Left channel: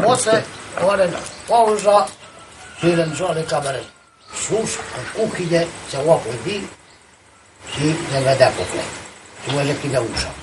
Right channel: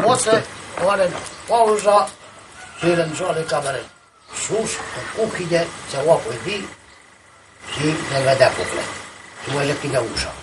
Poate oare pauza și eventuale camere sus, în cuchine, se oapă din și ne vedea complet. Și mă închide ușa.